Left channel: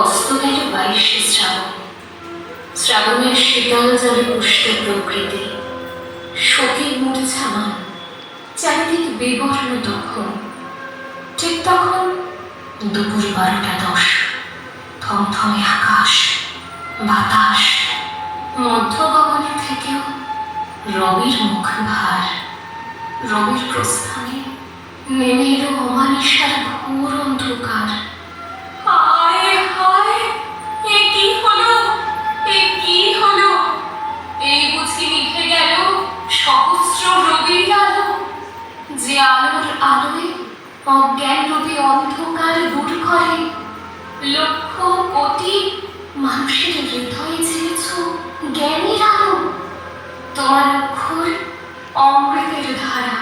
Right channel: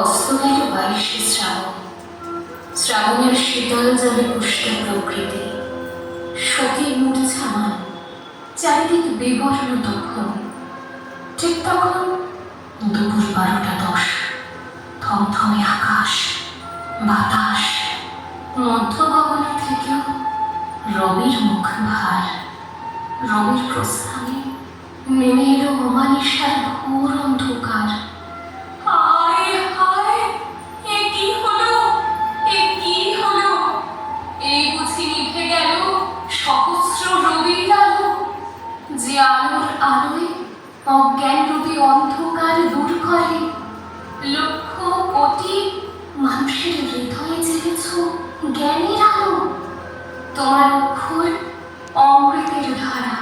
অস্তমের 22শে শ্রাবণ, শ্রাবণের শীতল জলে পুষ্ট প্রকৃতি, শোকে মূর্ছামান, চারিদিক বিবর্ণ তখন। ঠিক তখন দুপুর 12টা 10। থমথমে আকাশ, বাতাস, মধ্য গগনে থেকেও রবির মুখ ভার। রবির প্রস্থানে নেমে এলো অমানিসার ঘোর অন্ধকার। হায় হায়, এ কি হলো, এ কি হলো? এই বুঝি নিভে গেল সহস্র রবির আলো, যে আলোর আলোয় অজ্ঞান রূপী অন্ধকার দূর করে। লক্ষ কোটি মানুষের হৃদয়ে ছেড়েছ জ্ঞানী আলো। তোমার অক্ষর অমৃতের ধারা,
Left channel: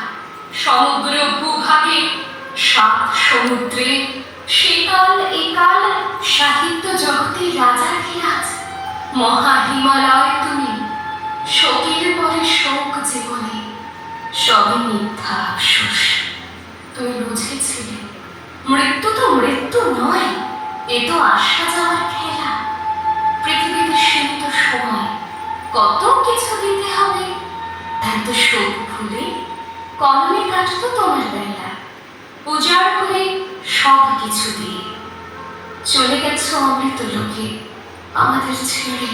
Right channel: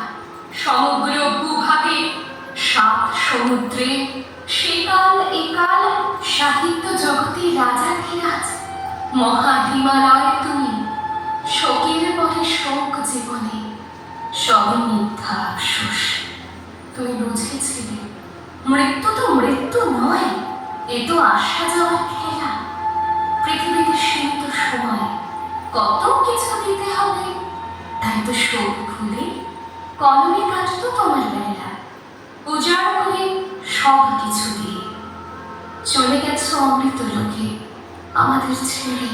সমগ্র ভূভাগে 7 সমুদ্রে, সেকাল একাল সাহিত্য জগতে রাজা খিরাজ। মহা হিমালয় তুমি, শোকের পরে শোক জীবনে, সবই মিথ্যা আফসোস। তুমি বুঝেছিলে মৃত্যু তো মৃত্যু নয়, এ তো আসা যাওয়ার খেলা। পৃথিবীতে সীমিত সময়, কত কিছু দিতে হবে। তাই তো শোক ভুলে কলমে কাটতো তোমার বেলা, উজাড় করে সব কিছু দিয়ে। চলে গেছো অমৃত লোকে আমাদের ছেড়ে,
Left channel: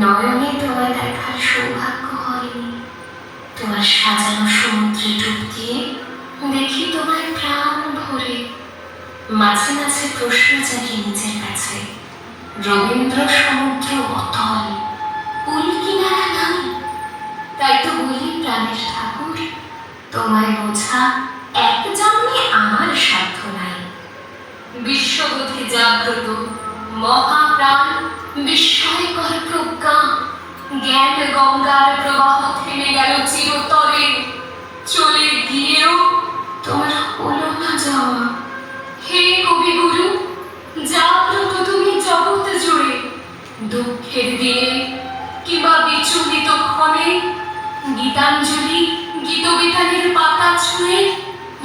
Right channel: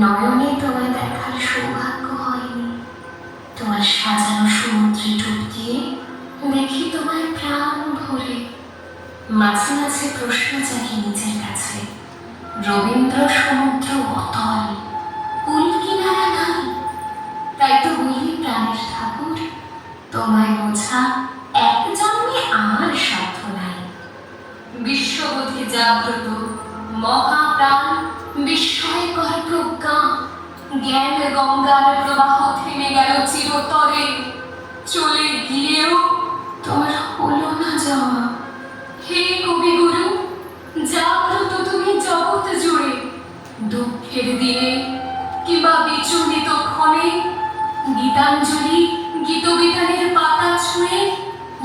নয়নে তোমায় দেখার সৌভাগ্য হয়নি। তোমার সাজানো সমুদ্রে ডুব দিয়ে দেখি তোমায় প্রাণ ভরে। মাঝে মাঝে প্রশ্ন জাগি নিজের কাছে, রবীন্দ্র সমুদ্র অতল, কুল কিনারা নাই। তাই তো বলি প্রাণের ঠাকুর, তোমায় বোঝা এক জন্মে আমার সাধ্য নাই। বিশ্ববোধে জাগ্রত মহাপ্রাণ, বিস্ময়কর প্রজ্ঞা, জ্ঞান গঙ্গার প্রবাহ থেমে গেল চিরতরে। চলে গিয়েও তোমার হলো না যাওয়া। হে কবিগুরু, জাগ্রত তুমি জগৎ জুড়ে। দুঃখের দিনে কিংবা বিচলিত ক্ষণে, গীতাঞ্জলি গীতবিতানের পাতা ছুঁয়ে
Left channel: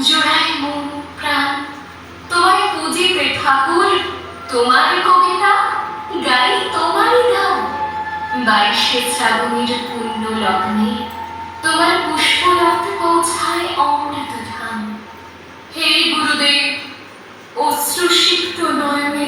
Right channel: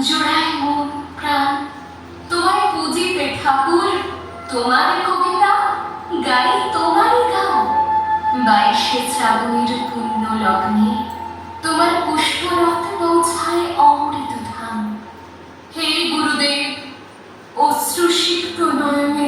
জোড়ায় মন প্রাণ। তোমায় পুজিতে ঠাকুর, তোমার কবিতা গাই তোমারই গান। 22শে শ্রাবণের পুণ্য লগ্নে তোমার পুষ্পরথ পৌঁছায় অমৃত ধাম। হে গুরুদেব, অশ্রুসিক্ত নয়নে